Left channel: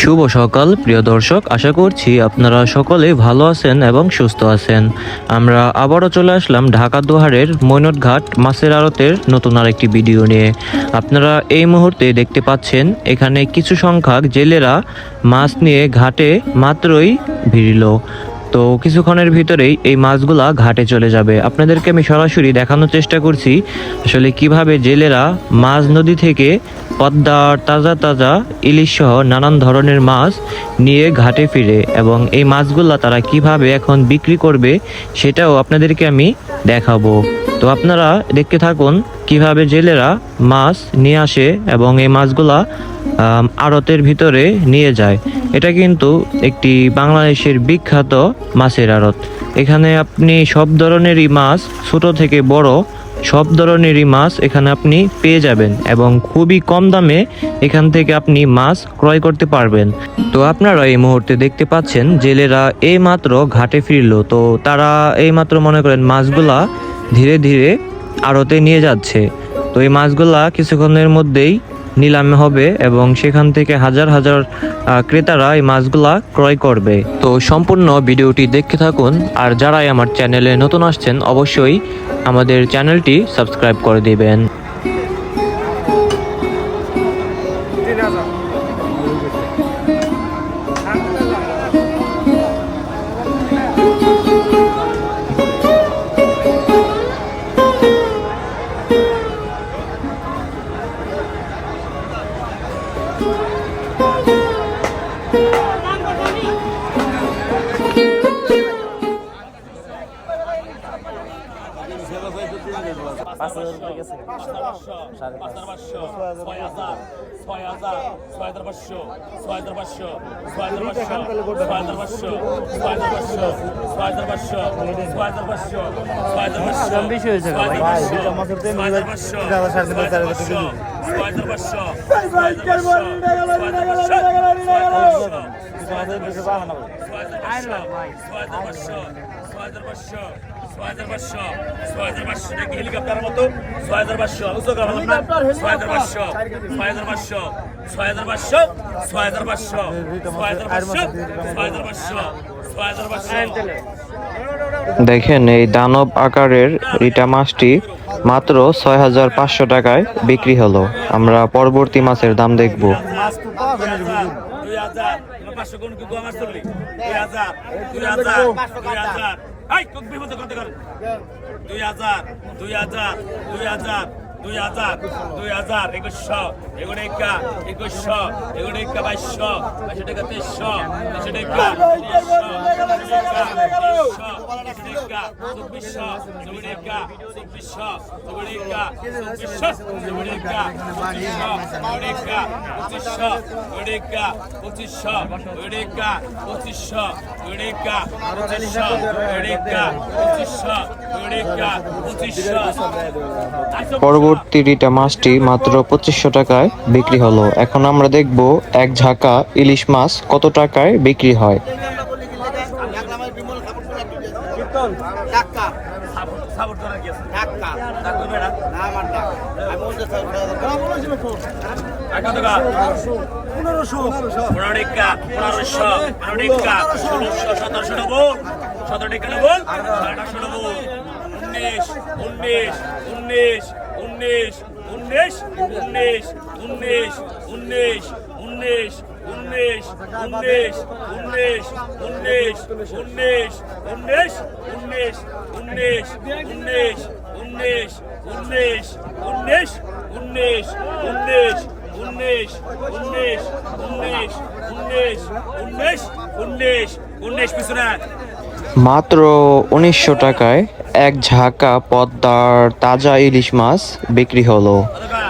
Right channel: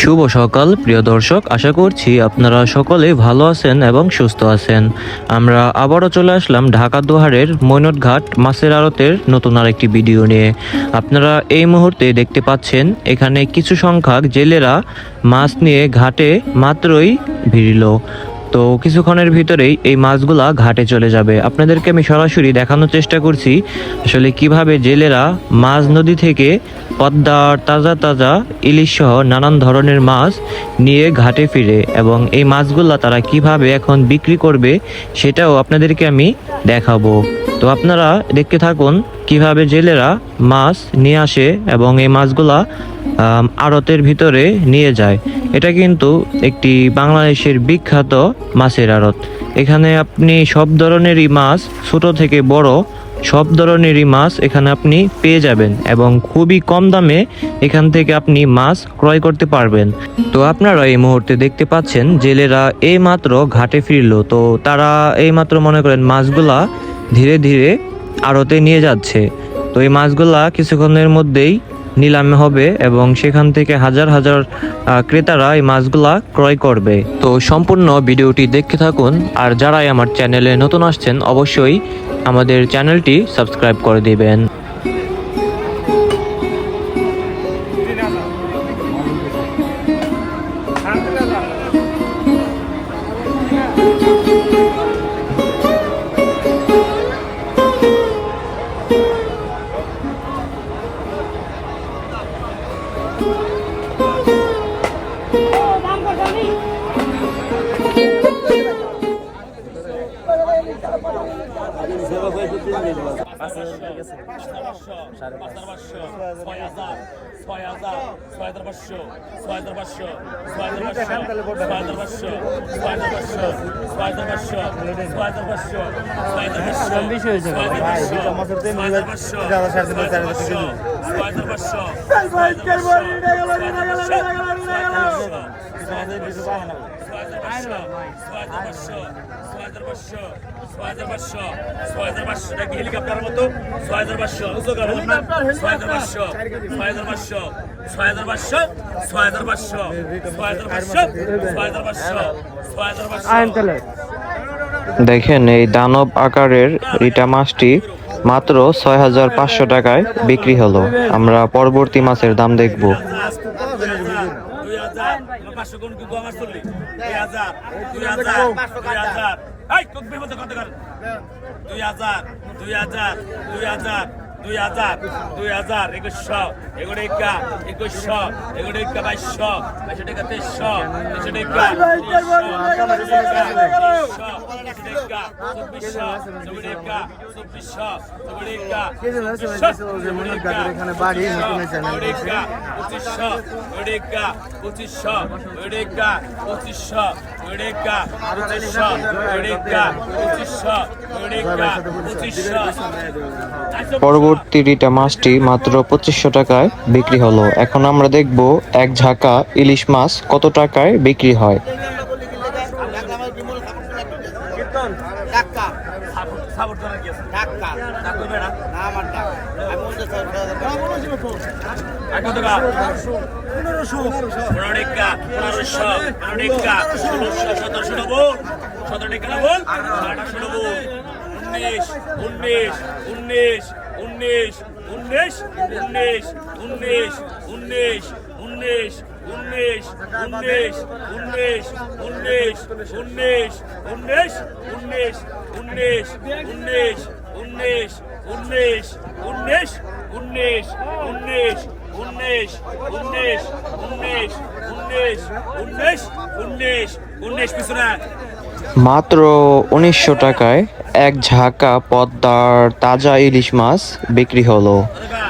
শুভ সকাল প্রিয় দর্শক, আশা করছি আপনারা সকলে ভালো আছেন এবং সুস্থ আছেন। আমরা আবারও চলে আসলাম ঢাকা দোহারের মৈনটঘাট মাছের আড়তের নতুন আরেকটি ভিডিও নিয়ে। আপনারা এই মুহূর্তে দেখতে পাচ্ছেন এখানে কিছু সংখ্যক জেলেরা মাছ নিয়ে ঘাটে মাত্রই ভিড়ল। তো কিছুক্ষণের ভিতরেই এই মাছগুলা ঘাটে চলে যাবে। আপনাদেরকে আমি সরাসরি দেখানোর চেষ্টা করছি আসলে কিভাবে জেলেরা মাছ নদী থেকে পদ্মার তাজা তাজা ইলিশ সহ নানান ধরনের মাছ নিয়ে ঘাটে ফিরে, এবং এই মাছগুলা তারা কিভাবে এখন বিক্রি করবে সেটাও আপনাদেরকে আমি দেখাবো। তো আপনারা দেখতে থাকুন কিভাবে জেলেরা মাছ নিয়ে আসে এবং এই মাছগুলা আড়তের ভিতরে নিয়ে যায়। এটা কিন্তু একটি বাংলাদেশের বিখ্যাত মাছের আড়ত। এখানে আপনি সব ধরনেরই মাছ, ছোট থেকে বড় সব ধরনেরই মাছ এখানে আপনি পেয়ে যাবেন এবং খুবই কম দামে এখান থেকে আপনি মাছ ক্রয় করতে পারবেন। তো আপনারা এই মুহূর্তে দেখতে পাচ্ছেন জেলেরা এই মাত্র ঘাটে ফিরলো। তো তারা এই মাত্র মনে করেন মাছগুলা ধীরে ধীরে আড়তে নিয়ে যাচ্ছে। তো এই মাছগুলা কিছুক্ষণের মধ্যেই নিলামে হবে এবং সেখান থেকে হাজার হাজার ক্রেতারা এই মাছগুলা ক্রয় করবে। তো সম্পূর্ণ ভিডিওটি দেখতে থাকুন, আর যারাই আমার চ্যানেলে নতুন আসছেন অবশ্যই আমাদের চ্যানেলটি সাবস্ক্রাইব করে দিবেন। হেলিকপ্টারের মতো 6500 দেখেন এই দানব আকারের রিটা মাছটি মাত্র 6500 টাকায় বিক্রি হলো। আমরা পরবর্তী মাছের দাম দেখব। 2500 পরবর্তী রিটা মাছটি মাত্র 2500 টাকায় বিক্রি হলো। এখন আমরা দেখব এক ঝাঁকা ইলিশ মাছ কত টাকায় বিক্রি হয়। মাত্র 1900 টাকায় এক ঝাঁকা পদ্মার তাজা ইলিশ মাছ বিক্রি হলো।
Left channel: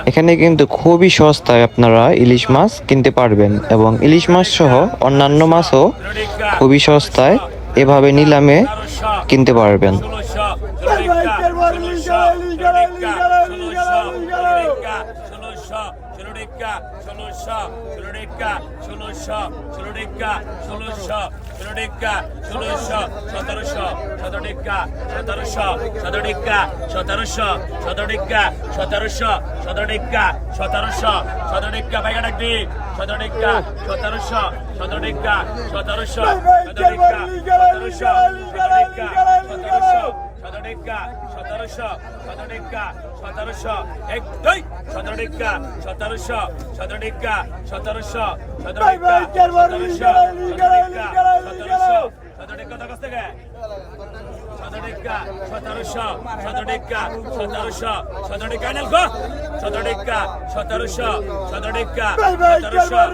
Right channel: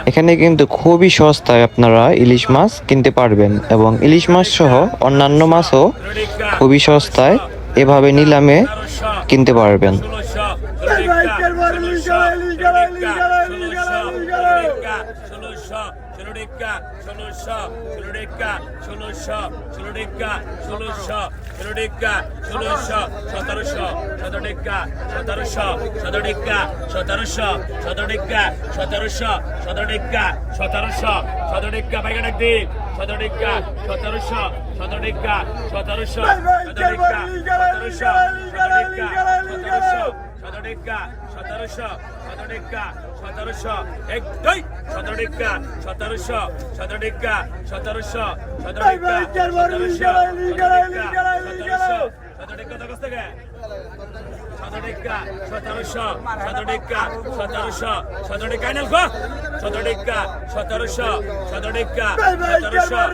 এখানে কিন্তু খুবই সস্তায় আপনারা ইলিশ মাছ কিনতে পারবেন এবং ইলিশ মাছ সহ অন্যান্য মাছও খুবই সস্তায় এভাবে নিলামে কিনতে পারবেন। 1700 17 টাকা 1700 17 টাকা 1700 17 টাকা 1700 17 টাকা 1700 এক দুই 17 টাকা 1700 17 টাকা 1700 17 টাকা 1700 টাকা কত থেকে 17 টাকা 1700 17 টাকা 1700 17 টাকা নাল গো 17 টাকা 1700 17 টাকা 1700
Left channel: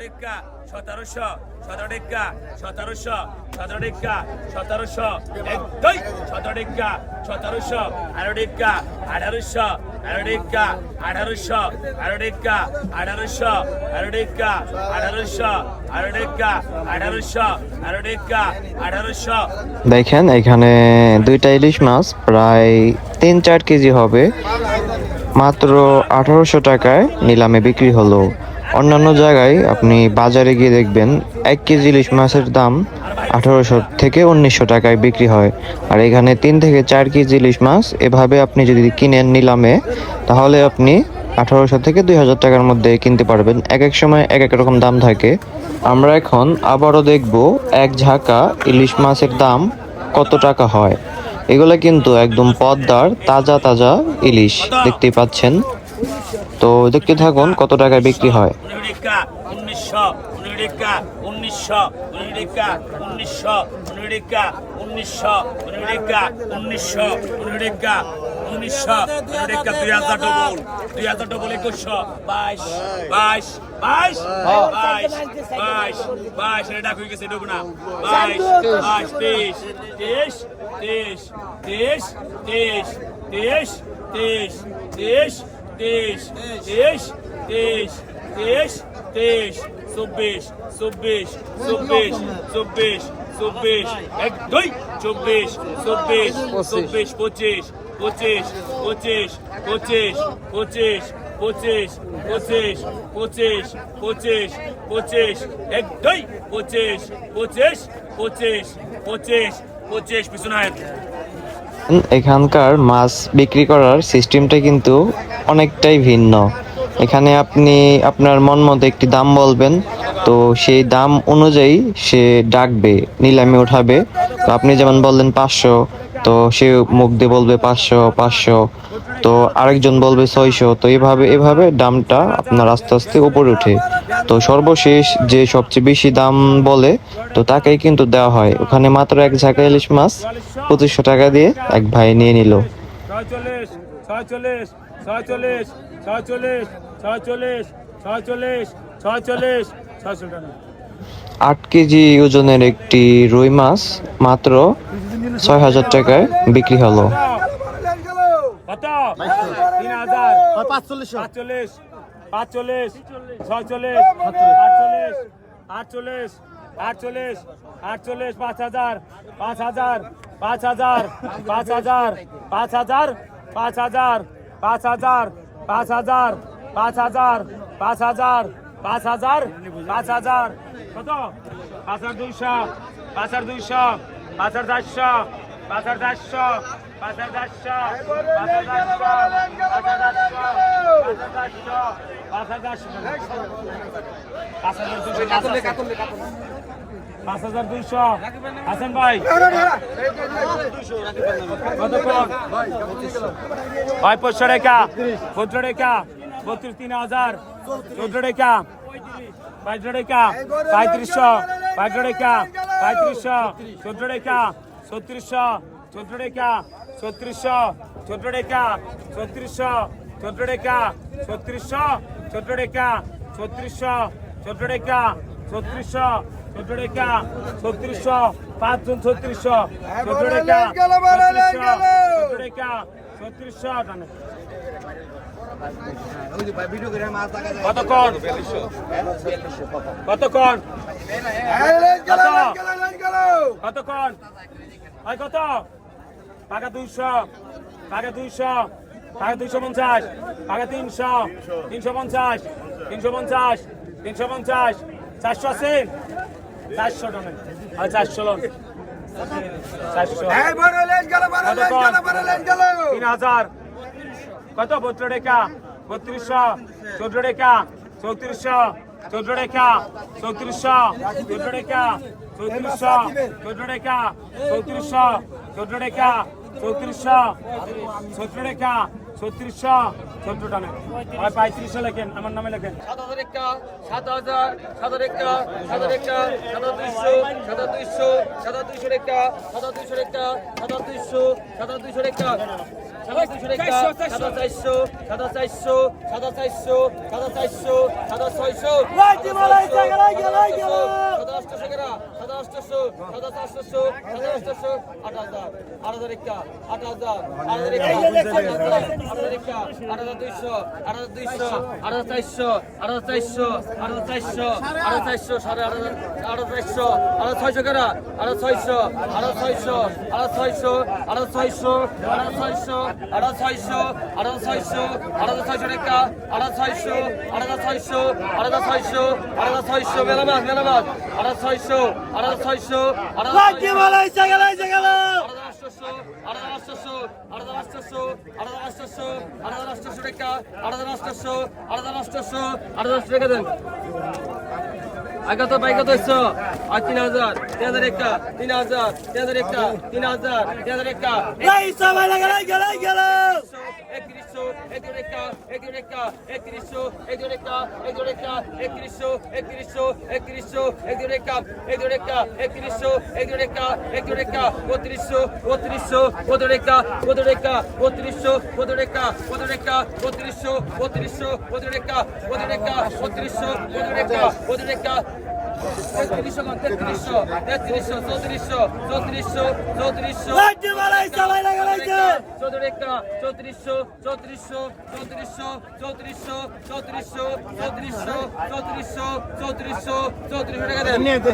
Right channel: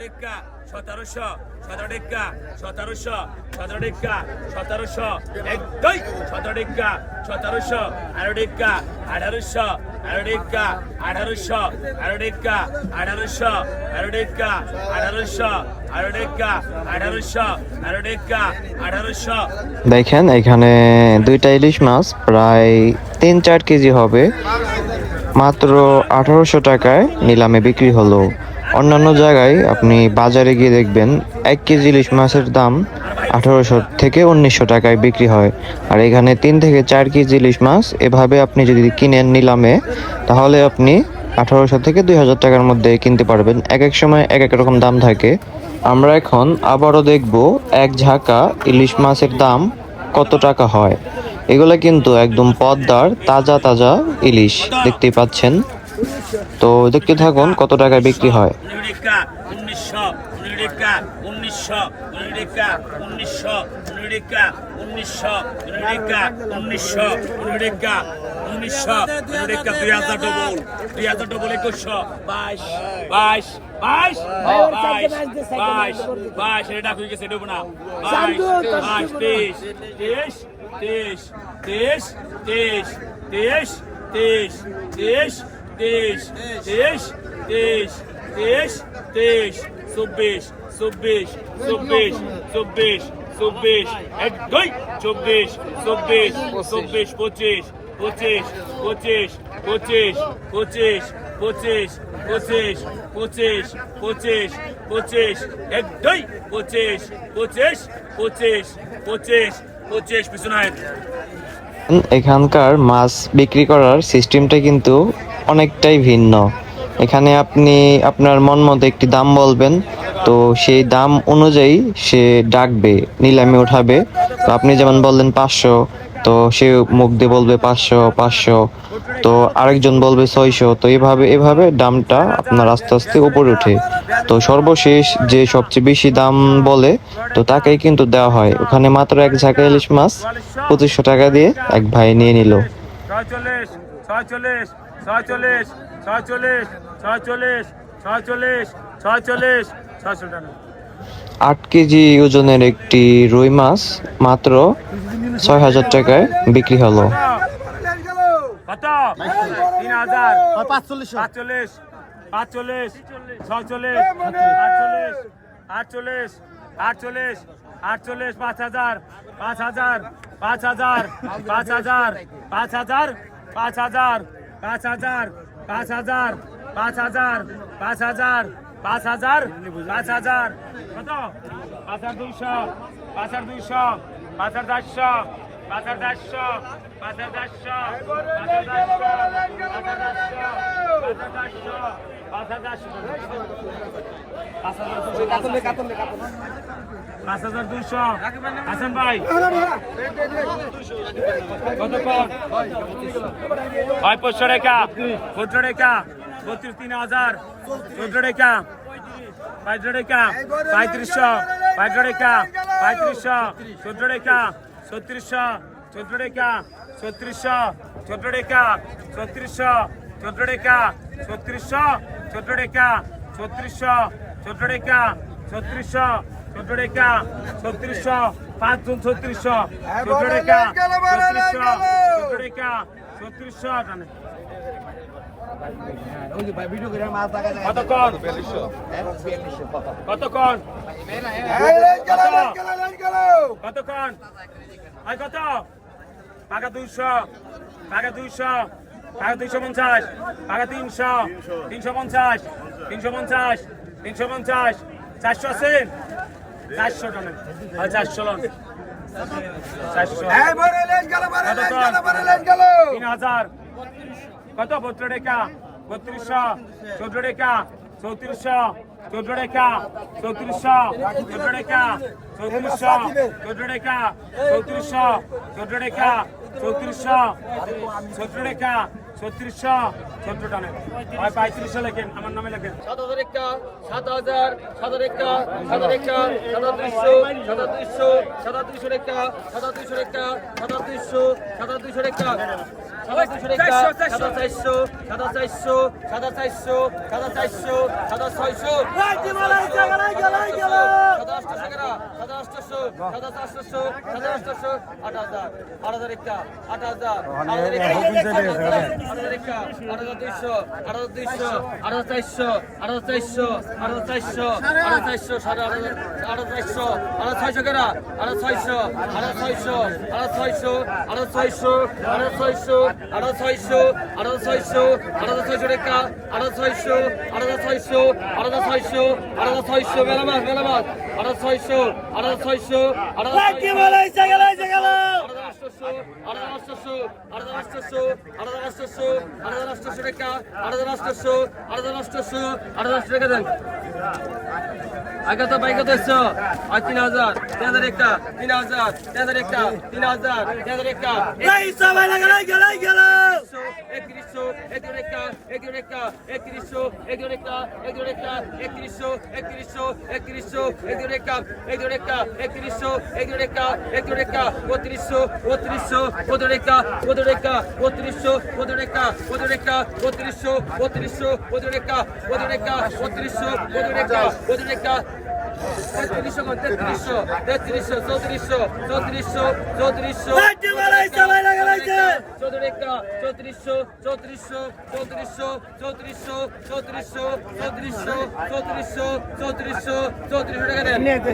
টাকা 1700 17 টাকা 1700 17 টাকা 1700 এক দুই 17 টাকা 1700 18 টাকা 1800 18 টাকা 1800 18 টাকা 1800 18 টাকা 1800 18 টাকা 1800 18 টাকা 1800 দেখেন এখানে দুইটা ইলিশ মাছ প্রায় 3-4 কেজি হবে, মাত্র 1800 টাকায় নিলামে বিক্রি হলো। অন্যান্য জায়গায় আপনি বাজারে গিয়ে দেখবেন 1 কেজি ইলিশ মাছের দাম 1800 থেকে 1900 টাকায় বিক্রি হয়। আর এখানে 3 থেকে 4 কেজি ইলিশ মাছ এভাবে আপনি যদি কিনেন নিলামে, তাহলে আপনি 1800 থেকে 2000 টাকার মধ্যে কিনতে পারবেন। এক এক সময় এক এক রকম দাম থাকে। আমরা এখন আবারও দেখব এক ঝাঁকা ইলিশ মাছের দাম কত টাকা হয়। এগুলো কিন্তু একদম পদ্মার তাজা তাজা ইলিশ, দেখতেই পাচ্ছেন। তো দেখতে থাকুন কত টাকায় বিক্রি হয়। 1900 টাকা 1900 টাকা 1900 টাকা 1900 টাকা 1900 টাকা 1900 টাকা 2000 ডবল 2000 ডবল 2100 22 22 22 22 22 এটা কই গেছে দেব না 22 22 23 23 23 23 23 23 23 23 23 23 23 23 24 24 24 24 24 এক দুই 24 24 24 25 25 25 25 25 25 25 25 25 25 এক দুই 25 25 25 25 25 পিছনায়। এখানকার মাছ বিক্রি করার সিস্টেমটা কিন্তু অনেকটাই ভিন্ন। এখানে আপনি আপনার মন মতো একটি দাম বলবেন, তো সেই দাম অনুযায়ী সে ডাকবে, নিলামে উঠাবে। তো আপনি যেমন বললেন 500, তো সে মুখ দিয়ে বলবে 500 500, তো আরেকজন বলবে 600। তো এভাবে দামটা আপনার আস্তে আস্তে উপরে ওঠে। তো সর্বশেষ যে সবচেয়ে বেশি দাম বলে, তো তাকেই কিন্তু দেওয়া হয়। ওখানে মাত্র এক ঝাঁকা ইলিশ মাছ 2500 টাকা দিয়ে এক ভাই নিয়ে নিল। 46 46 46 46 46 46 46 600 টাকা 8 কেজি ওজনের একটি রুই মাছ মাত্র 6000 টাকায় বিক্রি হলো। কত 3000 45 45 45 46 48 48 48 5000 5000 5000 5000 5000 5000 5000 5000 5000 5000 5000 5000 কত 5200 5200 5400 5400 5200 হাসান ভাই কতক্ষণ 500 টাকা 14 টাকা 32 3000 14 টাকা 500 টাকা 3500 500 টাকা 3500 14 টাকা 3600 14 টাকা 3600 14 টাকা 3600 14 টাকা 3600 14 টাকা 3600 14 টাকা 3600 14 টাকা 3600 5 জন 3600 14 টাকা 14 টাকা 3600 টানে কতক্ষণ কতক্ষণ কতক্ষণ কত পাকা 200 পাকা 200 পাকা 250 পাকা 300 350 350 350 400 আছেন 400 টাকা আর 400 লোন 400 3000 কত 72 টাকা 3200 14 টাকা 3400 14 টাকা 3400 14 টাকা 3400 14 টাকা 3400 14 টাকা 3400 17 টাকা 3600 17 টাকা ভাই 3500 লেখেন আমার নামে লেখেন 7000 টাকা 7000 7000 টাকা 7000 টাকা 7200 7200 7200 টাকা 7200 টাকা 7200 7200 টাকা 7200 টাকা 7400 7400 7400 7400 7600 আগত বাইগত ইচ্ছো আর 3000 3000 একটা 3000 3000 একটা 3000 3000 একটা এই সবাই লাগাই গেল 3100 31 একটা 31 একটা 3100 31 একটা 31 একটা 3100 3100 3100 31 একটা 31 একটা 3100 31 একটা 31 একটা 3200 3200 32 একটা 32 একটা 3200 32 একটা 32 একটা 3200 3200 32 একটা 32 একটা 3200 32 একটা 32 একটা 3300 3300 3400 3400 3400 34 3400 3400 3400 3400 3400 3400 3400 টাকা দেন